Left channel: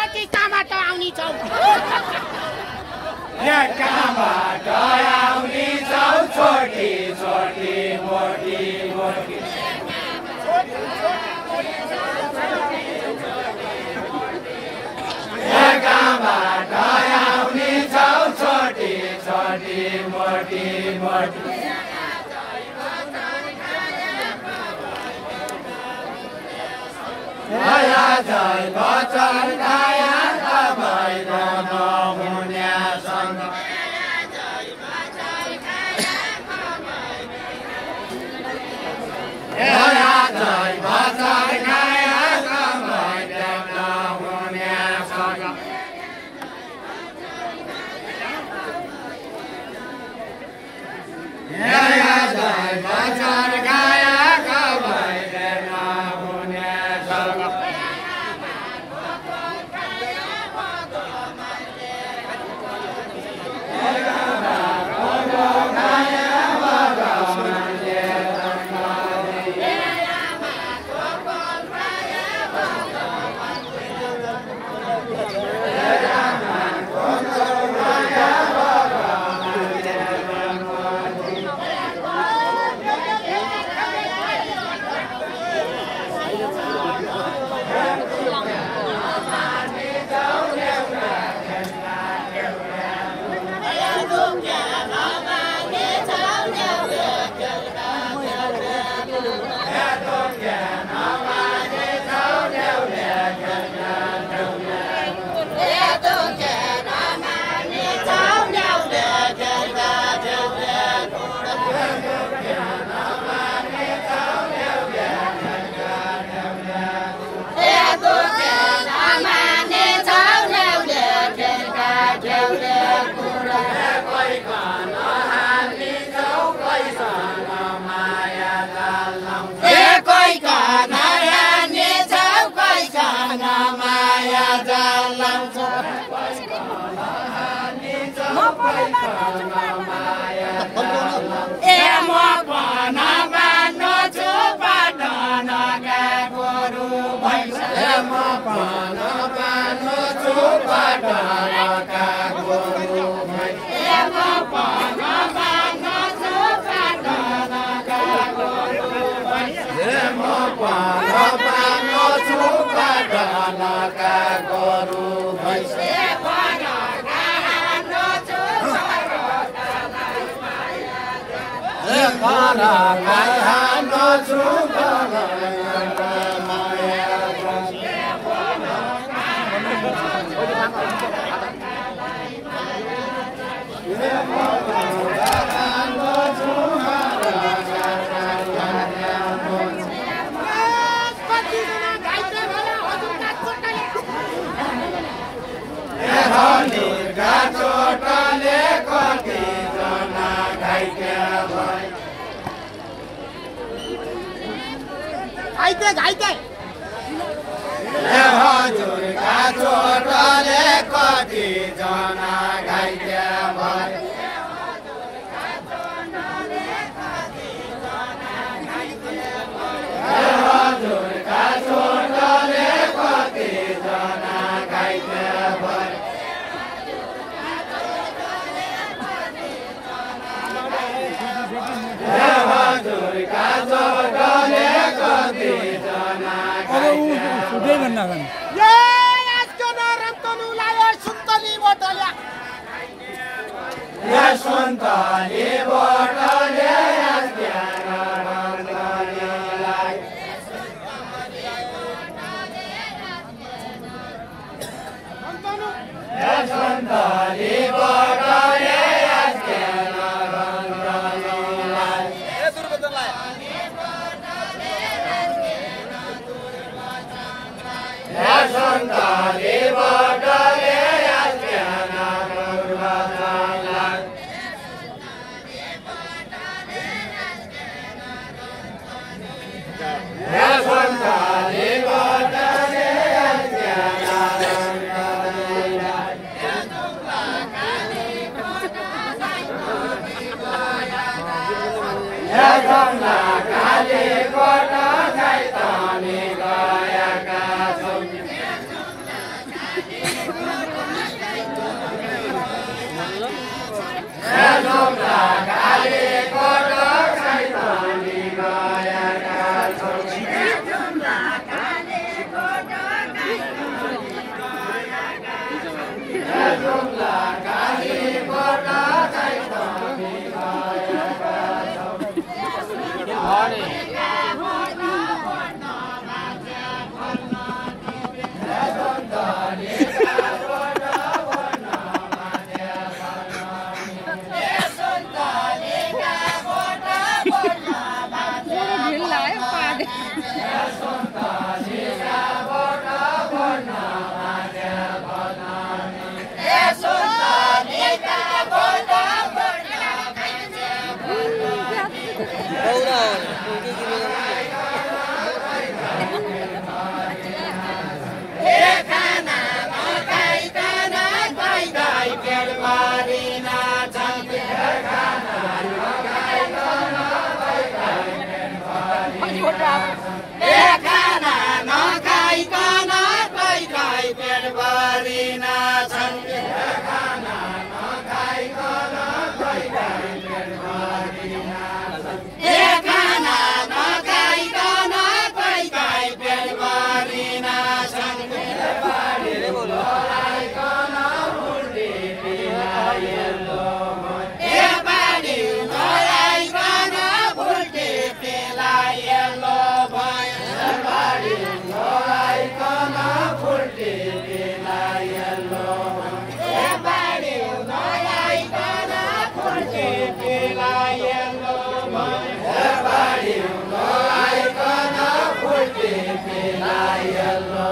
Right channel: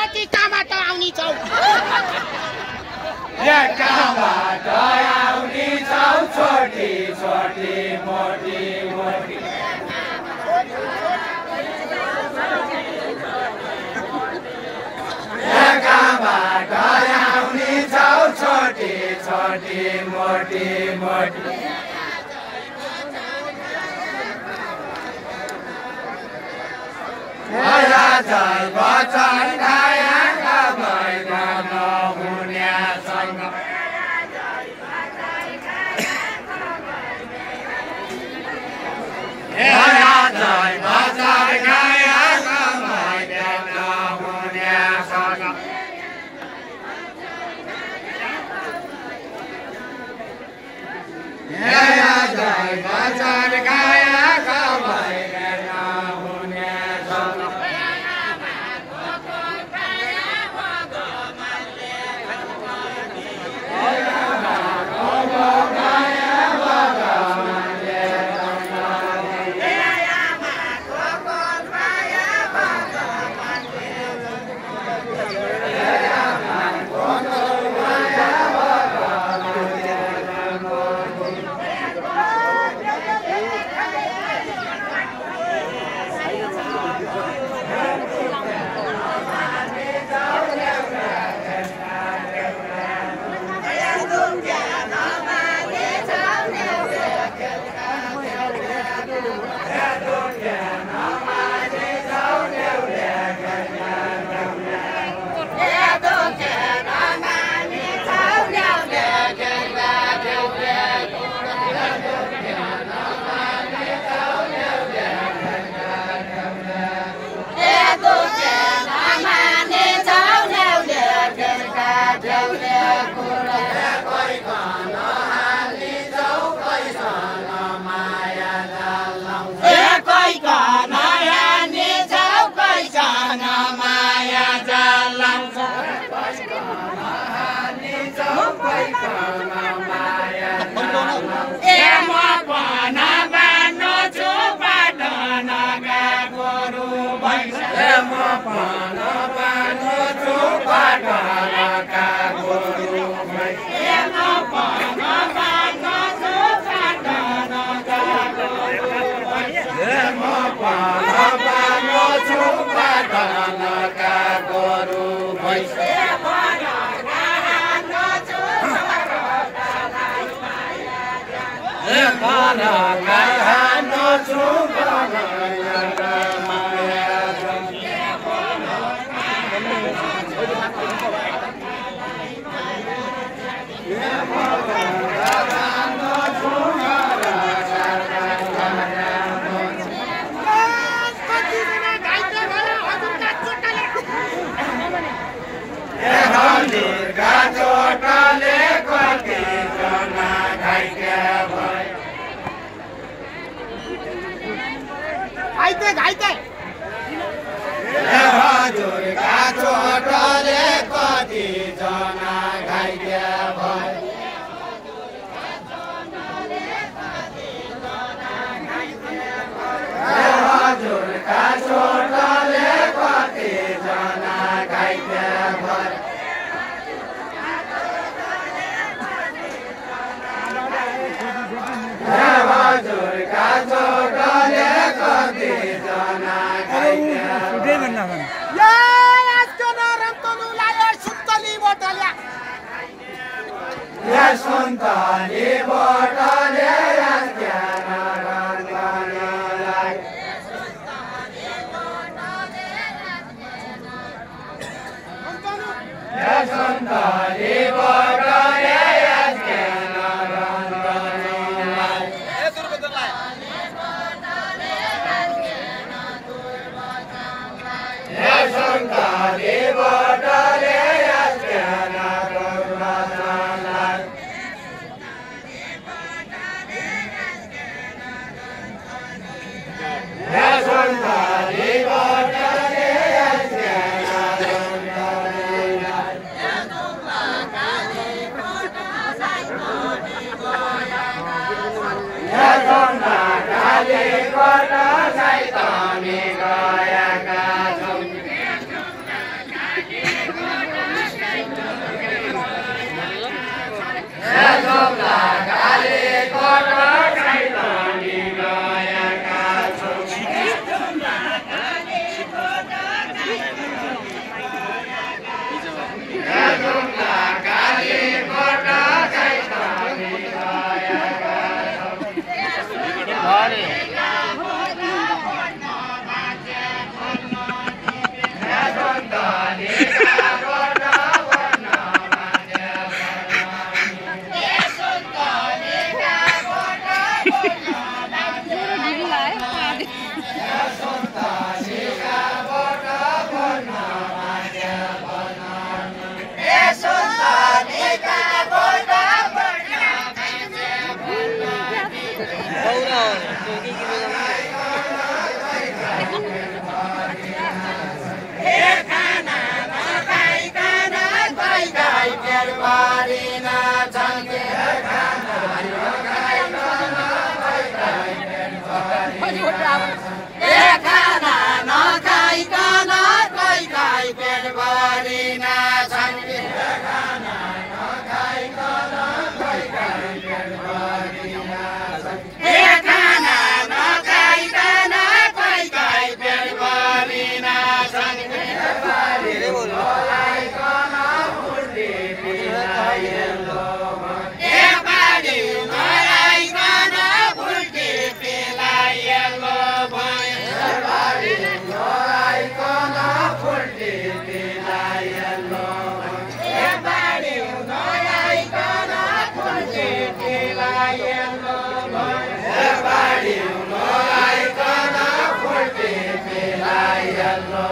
छोटी कहाँबाट आउने छौ यहाँ कहाँबाट आउने छौ छोटी छोटी मोटी मोटी यहाँ कहाँबाट आउने छौ छोटी छोटी मोटी मोटी जय बचन खाएका भैर नहुन्यासँग जय बचन खाएका भैर नहुन्यासँग जय बचन खाएका भैर नहुन्यासँग पेटभरि नछन् के खाना नखाइकन कोही कोही पेटभरि नछन् के खाना नखाइकन कोही कोही पेटभरि नछन् खाना नखाइकन कोही कोही पेटभरि नछन् पेटभरि लोलाइकन फुल्टी पिलाइलो पेटभरि लोलाइकन फुल्टी पिलाइलो पेटभरि लोलाइकन फुल्टी पिलाइलो पेटभरि लोलाइकन फुल्टी पिलाइलो पेटभरि लोलाइकन फुल्टी पिलाइलो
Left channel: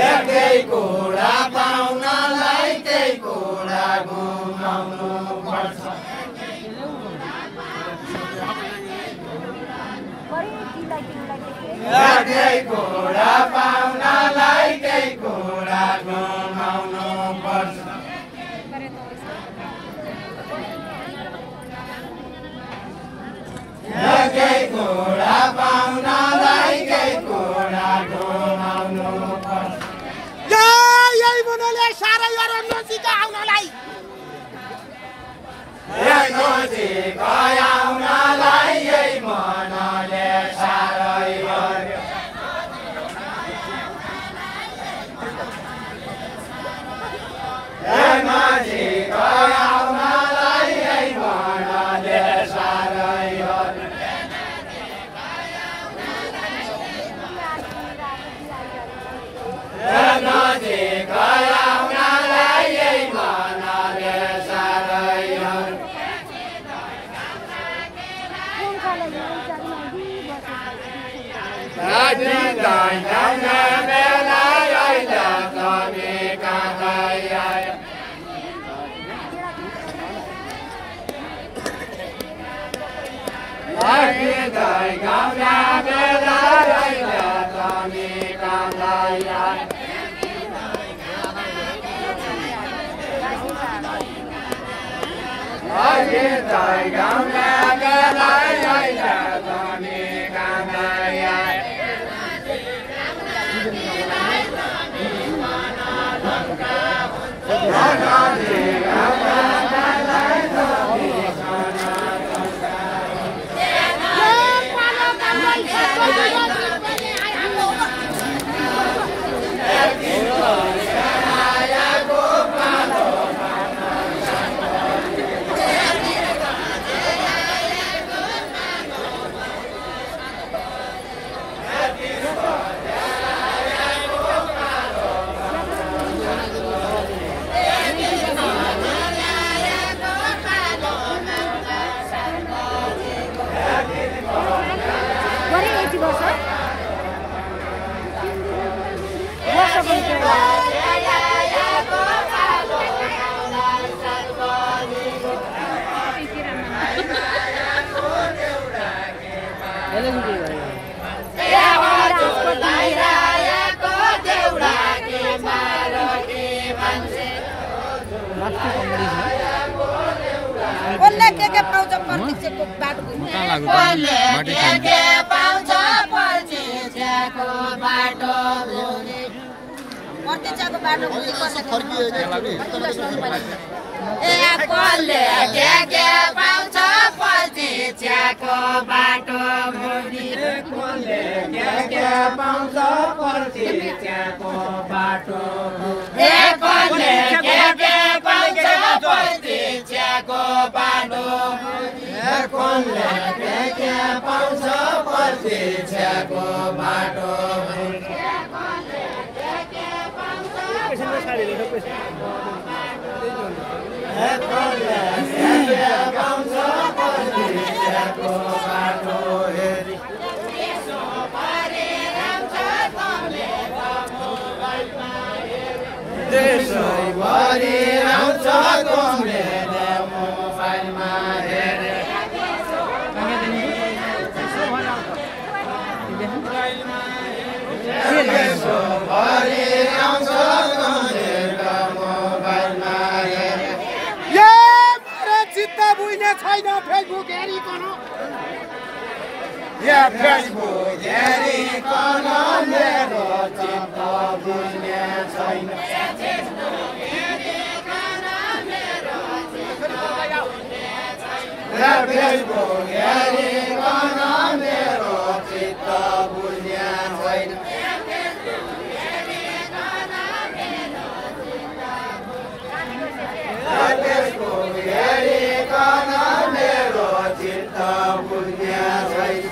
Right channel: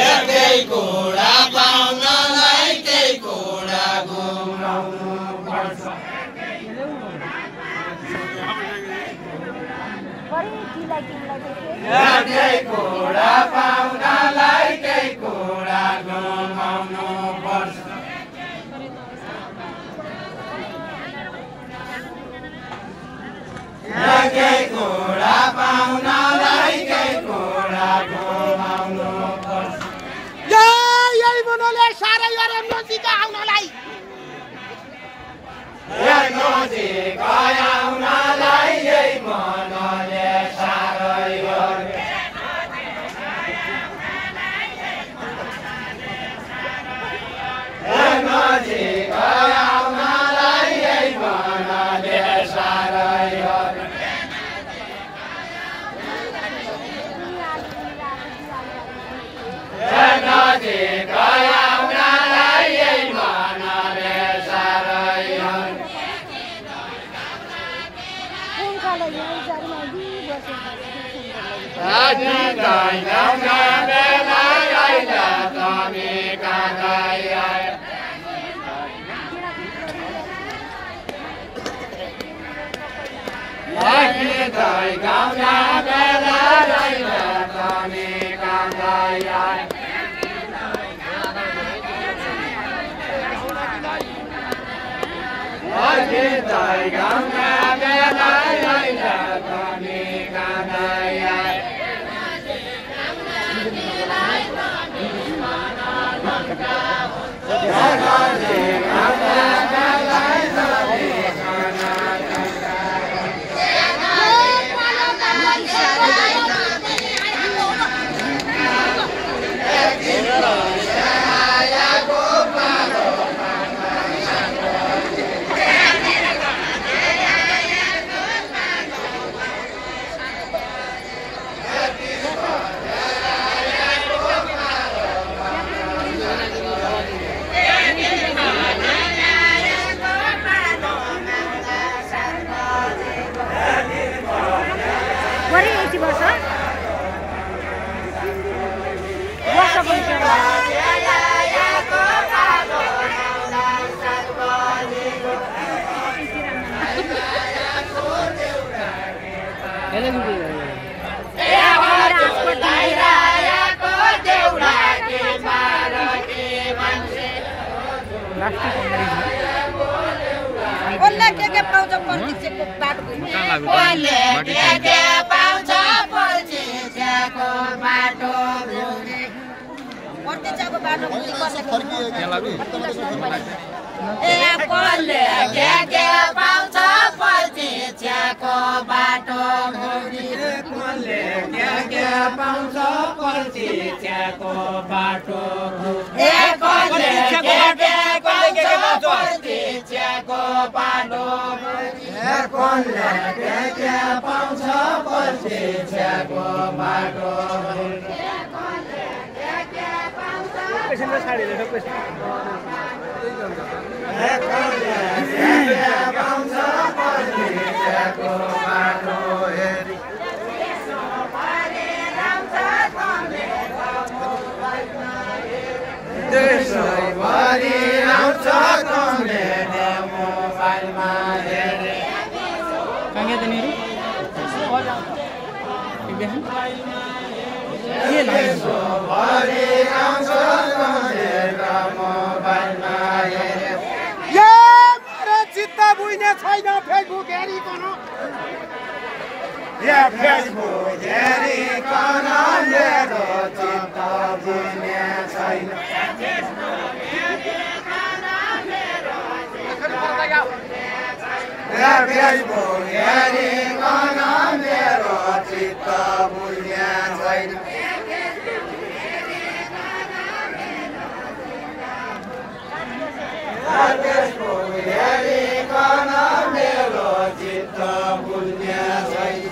एकै कुरा पाउनलाई त्यही कुरा गुमाउनु पर्छ एकै कुरा पाउनलाई त्यही कुरा गुमाउनु पर्छ एकै कुरा पाउनलाई त्यही कुरा गुमाउनु पर्छ यही मनले साह्रै गरे नजिक आउनलाई आउनलाई यही मनले साह्रै गरे नजिक आउनलाई यही मनले साह्रै गरे नजिक आउनलाई यही मनले साह्रै गरे बेला आइला तमी काँदै आयो गाउना बेला आइला तमी काँदै आयो गाउना बेला आइला तमी काँदै आयो के पाउँछ पर्चिचको बाटो के पाउँछ पर्चिचको बाटो पर्चिचको बाटो कसले के पाउँछ पर्चिचको बाटो कसले के पाउँछ पर्चिचको बाटो कसले के पाउँछ पर्चिचको बाटो कोनले के पाउँछ प्रतीक्षाको बाटो पाउँछ प्रतीक्षाको बाटो हेरी देशभरि आउँछ कमेरे मोबाइलमा हेरे देशभरि आउँछ कमेरे मोबाइलमा हेरे ए मेरो चित्त बुझ्ने छैन फेसबुक हेरिकन या फेसबुक हेरिकन मेरो चित्त बुझ्ने छैन या फेसबुक हेरिकन मेरो चित्त बुझ्ने छैन या फेसबुक हेरिकन मेरो चित्त बुझ्ने छैन